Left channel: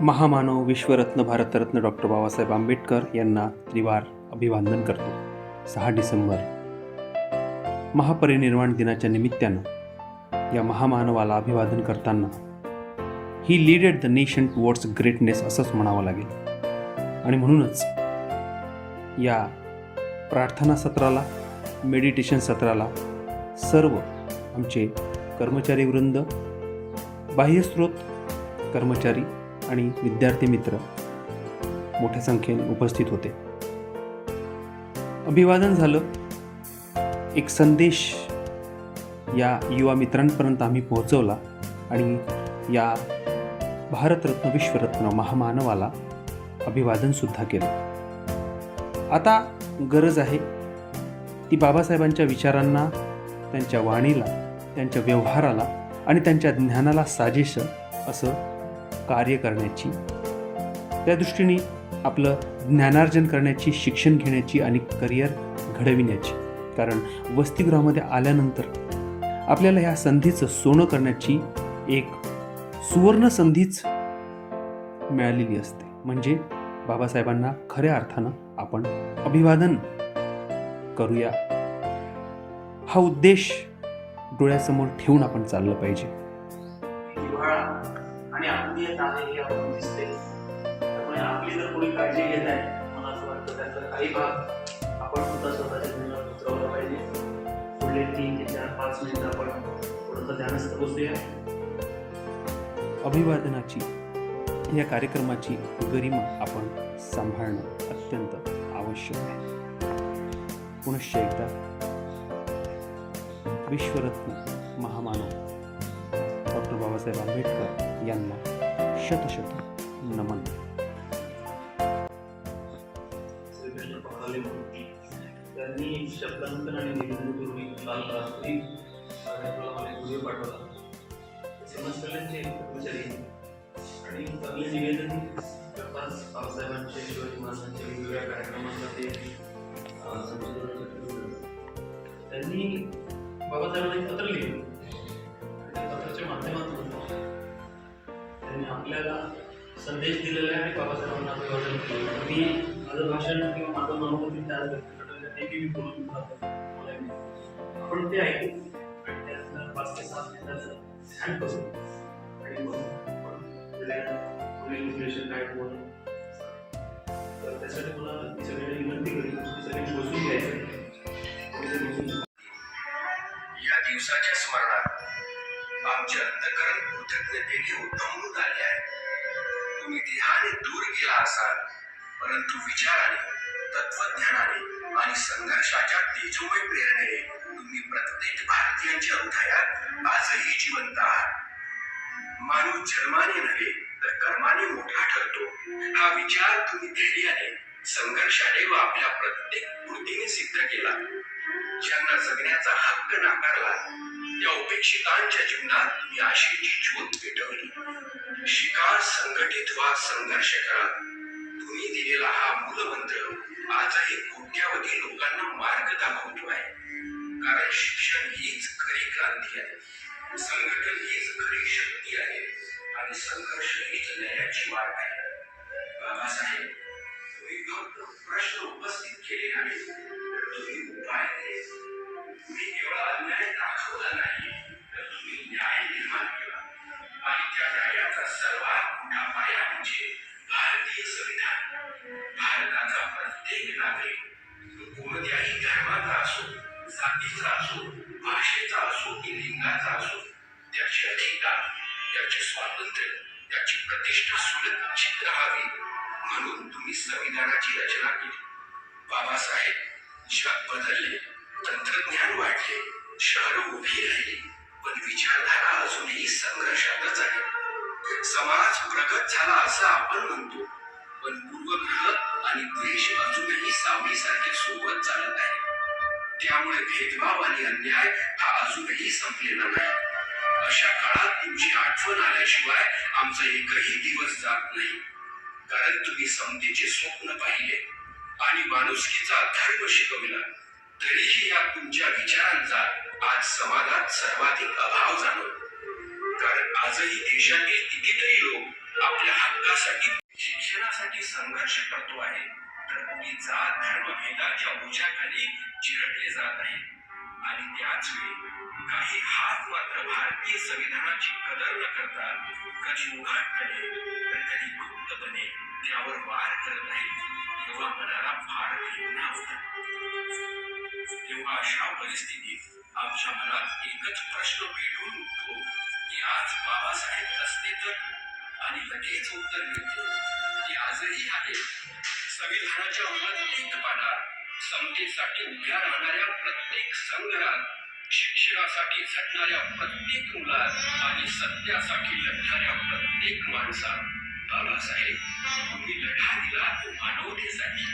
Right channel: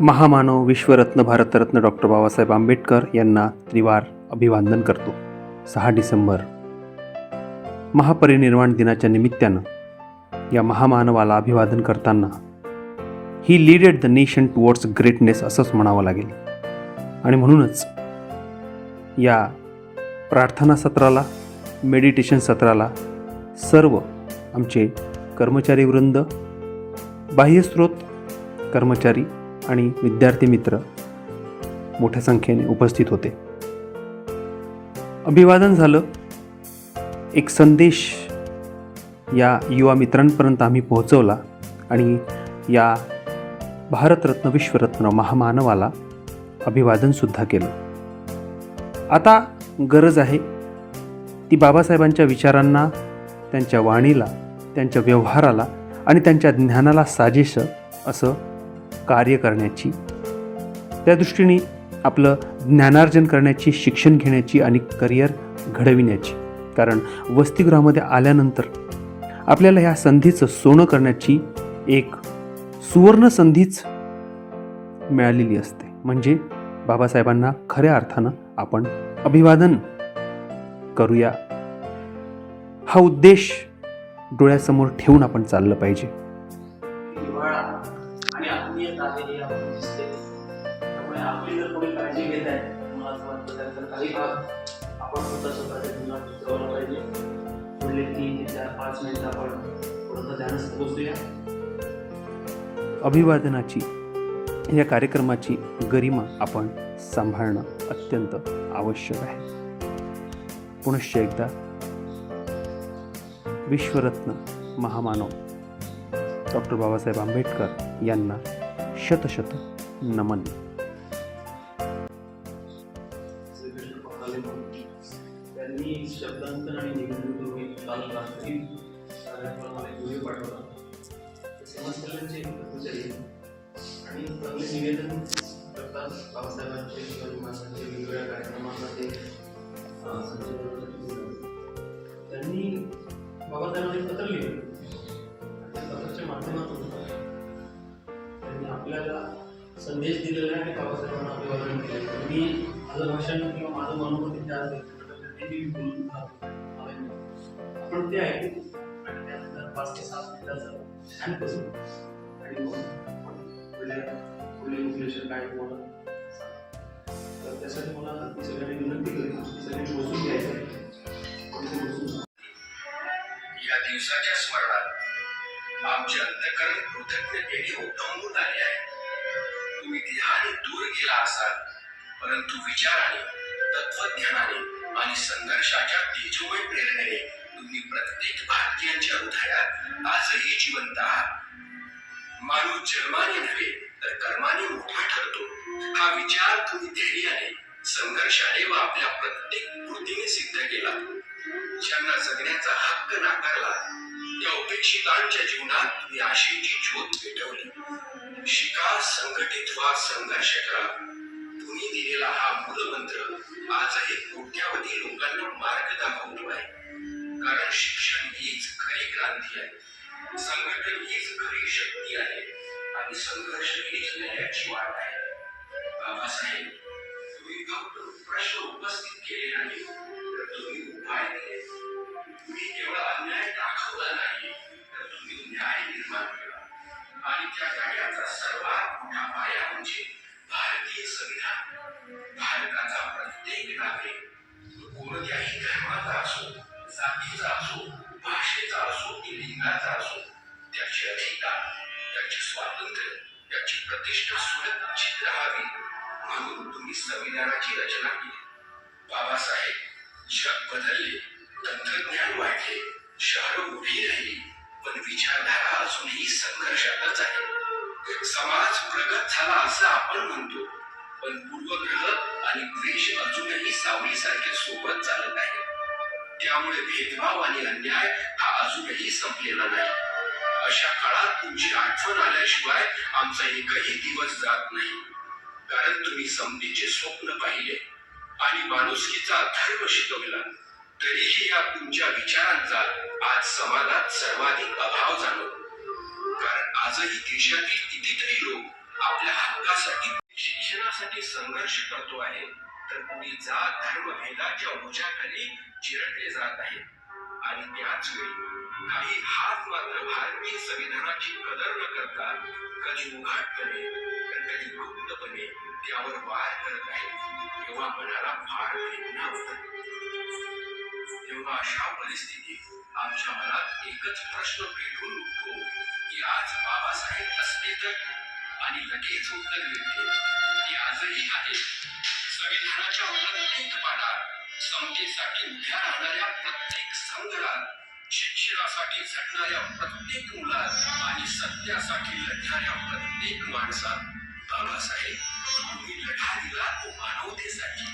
महामानव विश्वरत्न भारतरत्न डॉक्टर बाबासाहेब आंबेडकर यांना त्रिवार अभिवादन करतो. 6 डिसेंबर महापरिनिर्वाण दिनाच्या निमित्तानं या महामानवाला अभिवादन करताना ही leaded the nation towards greatness असंच म्हणावं लागेल. आणि म्हणूनच या प्रार्थना सत्राला, मेडिटेशन सत्राला सर्व आमचे कर्मचारीवृंद, बाह्यस्रोत कर्मचारी आणि विद्यार्थी मित्र मोठ्या संख्येने उपस्थित होते. अभिवादन झालं. एक संदेश या युवा मित्रांपर्यंत आम्ही पोहोचवला आणि या भारतरत्न विश्वरत्न महामानवाला अभिवादनसुद्धा केलं. आता गरज आहे ती बाबासाहेबांच्या विचारांना, त्यांच्या वाणीला, त्यांच्या व्यवहाराला आणि त्यांच्या ज्ञानाला साजेसं असं कार्य करण्याची, त्या दृष्टीने आपलं ज्ञानार्जन करण्याची, शिक्षण घेण्याची आणि करिअर घडविण्याची. कारण वसतिगृहामध्ये आल्यानंतर आपल्याला ह्या संधीचं सोनं करण्याची एक सुवर्ण संधीच मिळालेली असते. म्हणजे बाबासाहेबांना खऱ्या अर्थानं आपण अभिवादन करूया, हा उद्देश डोळ्यासमोर ठेवून आपण चाललं पाहिजे. आणि आत्मीयत आहे हे आपण दिसते. त्यामुळे आपली जर कोणी काळजी घेत आहे, मला असं वाटतं त्याचा काही भाग आपण सुद्धा स्वतःच्या जीवनात उतरवला पाहिजे. पुढले 3 ते 4-5 मिनिटं आपण थोडंसं ध्यानस्थ बसूया. अभिवादनाची या कार्यक्रमाची गरिमा आपण सांभाळणं अत्यंत आवश्यक आहे. पुनश्च एकदा विश्वरत्न महामानव डॉक्टर बाबासाहेब आंबेडकर यांना शतशत नमन. श्रीकृष्ण पहाले त्यांनी शब्दांकन आणि निवेदन करून एक काल रात्री कार्यक्रमाला एक व्हिडिओ पाठवला. समाज कल्याणचे कर्मचारी आणि चांगले निवेदन करतात. बाबासाहेबांचे, शिवाजी महाराजांच्या वेगवेगळ्या कार्यक्रमांना ते संशोधनासाठी बोलतात. त्यांनी बाबासाहेबांना एक पत्र लिहिलं. त्या पत्राच्या माध्यमातून त्यांनी आपल्याला संदेश दिलेला आहे आणि बाबासाहेबांना अभिवादन केलं. मी माझं भाषण किंवा माझं मनोगत त्या नेहमी बोलून राहतो. आपण ते ऐकू आणि त्यानंतर 5 ते 7 मिनिटाचं ध्यान करू आणि मग आपण पुढील उद्देश काय होणार. तर त्यासाठी मला मी सगळ्यांनी विनंती करेन की सगळ्यांनी बसून घ्यायचं. या दिवसाच्या स्मरणात आमचे अंतःकरण कृतज्ञतेने ओढवून आले आहे. तुम्ही देहाने दूर गेला असाल, परंतु विचाराने, तत्वज्ञानाने आणि संघर्षाच्या तेजोमय प्रेरणेने तुम्ही प्रत्येक भारतीयांच्या हृदयात आजही जिवंत आहात. माणूस जन्माने नव्हे तर कर्माने मोठा ठरतो, हा विचार तुम्ही धैर्याने, संघर्षाने व आपल्या प्रत्येक कृतीने सिद्ध केला. ज्यांना जगण्याचा हक्क नाकारला, त्या उपेक्षितांच्या जीवनात तुम्ही आशेची ज्योत पेटवली. शिका, संघटित व्हा, संघर्ष करा. तुम्ही दिलेला हा मूलमंत्र आजही कोट्यावधी लोकांना मार्ग दाखवतो आहे. कारण शिक्षण हीच खरी क्रांती आहे, संघटन हीच खरी शक्ती आहे आणि संघर्ष हीच न्यायाची वाट आहे. बाबासाहेब, तुम्ही फक्त प्रश्न उपस्थित केले नाही, तर तुम्ही उपाय दिले. तुम्ही केवळ अन्याय दाखवला नाही, तर तुम्ही न्याय निर्माण केला. आणि त्या न्यायाचा सर्वात मोठा पाया म्हणजे भारतीय संविधान. भारताचा प्रत्येक नागरिक, कोणत्याही धर्माचा असो, जातीचा असो, भाषेचा असो की लिंगाचा असो, त्याची अधिकार, त्याचे स्वातंत्र्य, त्याची प्रतिष्ठा सुरक्षित राहावी म्हणून तुम्ही संविधानाची रचना केली. बाबासाहेब, जग बदलले, तंत्रज्ञान वाढले, शहरं उभी राहिली, पण विचारधारा अजूनही संघर्षातच आहे. समाज प्रगत झाला असं आपण म्हणतो, पण पूर्वग्रह आणि द्वेष अजूनही सावलीसारखे सोबत चालत आहे. त्यामुळे भेदभाव आणि अन्याय हा अजूनही संपलेला नाही. अशा काळात तुमची आठवण आल्याशिवाय आमचा एकही दिवस जात नाही. कारण तुम्ही समतेचे स्वप्न पाहिले आणि माणुसकीचा धर्म शिकवला. तरीही या तुमच्या विचारांचा आज समाजात सर्वाधिक अभाव जाणवतो. कारण आजही देशातील कितीतरी लोक आपल्या हक्कासाठी शिक्षणासाठी संघर्ष करतो आहे, तर कोणी जात धर्म भेदाच्या ओझ्याखाली चिरडले जात आहे. आणि त्याच वेळी काही हात मात्र भारतीय संविधानाची कदर न करता कधी उघडपणे तर कधी गुप्तपणे त्यावर वार करत आहेत. तेव्हा मनाला फार वेदना होतात. तेव्हा अशा परिस्थितीत आमच्या मनात एकच प्रश्न पेटून उठतो की आज बाबासाहेब असते तर, आणि लगेच उत्तर मिळते की आजही आहे. संविधानाच्या प्रत्येक पानात, समतेसाठी उभ्या राहणाऱ्या प्रत्येक संघात, शिक्षणासाठी झटणाऱ्या प्रत्येक मुलात आणि सत्यासाठी लढणाऱ्या प्रत्येक माणसात बाबासाहेब, तुम्ही लढा दिला तो मानवतेसाठी,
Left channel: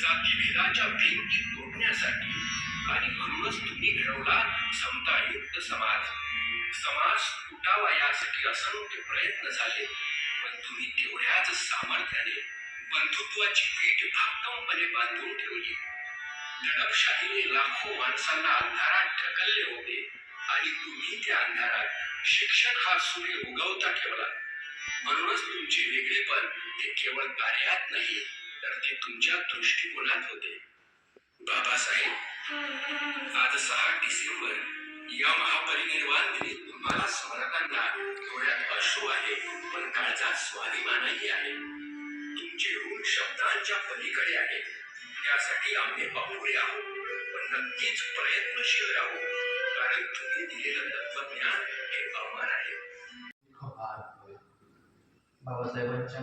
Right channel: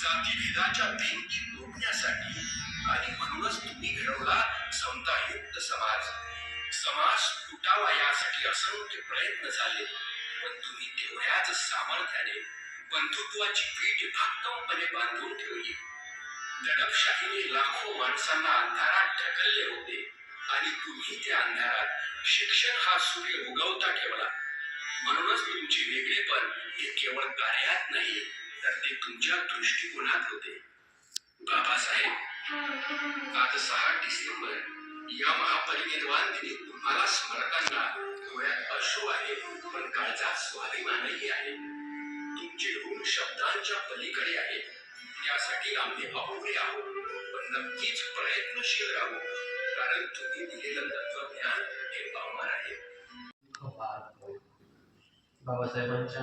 जातीभेदाच्या भिंती तोडण्यासाठी, आणि म्हणूनच तुम्ही घडवला समतायुक्त समाज. समाज तुटावा यासाठी असंख्य प्रयत्न झाले, पण तुम्ही तेवढ्याच सामर्थ्याने बंधुत्वाची वीट भक्कमपणे बांधून ठेवली. दडपशाहीने लाखो माणसांना अंधारात ढकलले होते, आणि तुम्ही त्या अंधारात शिक्षण हा सूर्य उगवता ठेवला. म्हणूनच तुमचे वेगळेपण हे केवळ कार्यात नाही, तर ते तुमच्या दृष्टिकोनात होते. बाबासाहेब, आज 6 डिसेंबर या महापरिनिर्वाण दिनी तुम्हाला स्मरताना डोळ्यात अश्रू आहे, पण काळजात स्वाभिमानही आहे. तुमचे ऋण शब्दांच्या पलीकडे आहे. त्यासाठी आम्ही अपुरे आहोत, पण नक्कीच प्रयत्नशील राहू, कारण तुम्ही दिलेलं तत्वज्ञान हे अमर आहे. बाबासाहेबांच्या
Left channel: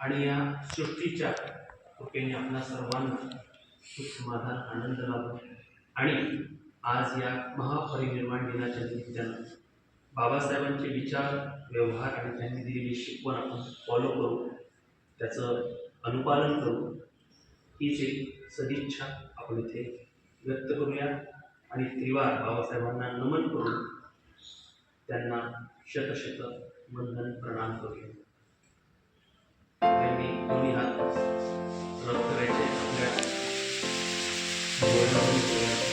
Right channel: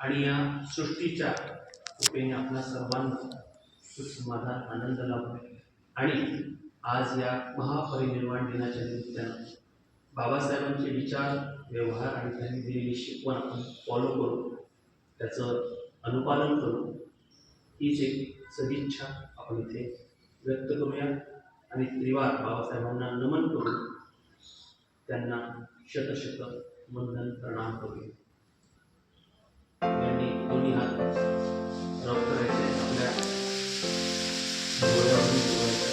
आणि या सृष्टीच्या कृपेने आपल्या सर्वांना सुख समाधान आनंद लाभो. आणि आज या महापरिनिर्वाण दिनाच्या निमित्तानं बाबासाहेबांचे विचार, व्यवहार आणि त्यांनी दिलेली शिकवण आपण फॉलो करू, त्याचं अनुपालन करू, हीच एक सदिच्छा आपण इथे व्यक्त करूया. आणि त्रिवार बाबासाहेबांना नमन करून त्यांना शतशत वंदन प्रणाम करूया. त्यांनी दोन्ही हात रब करायचे आपल्या डोळ्यावरून डोळ्यात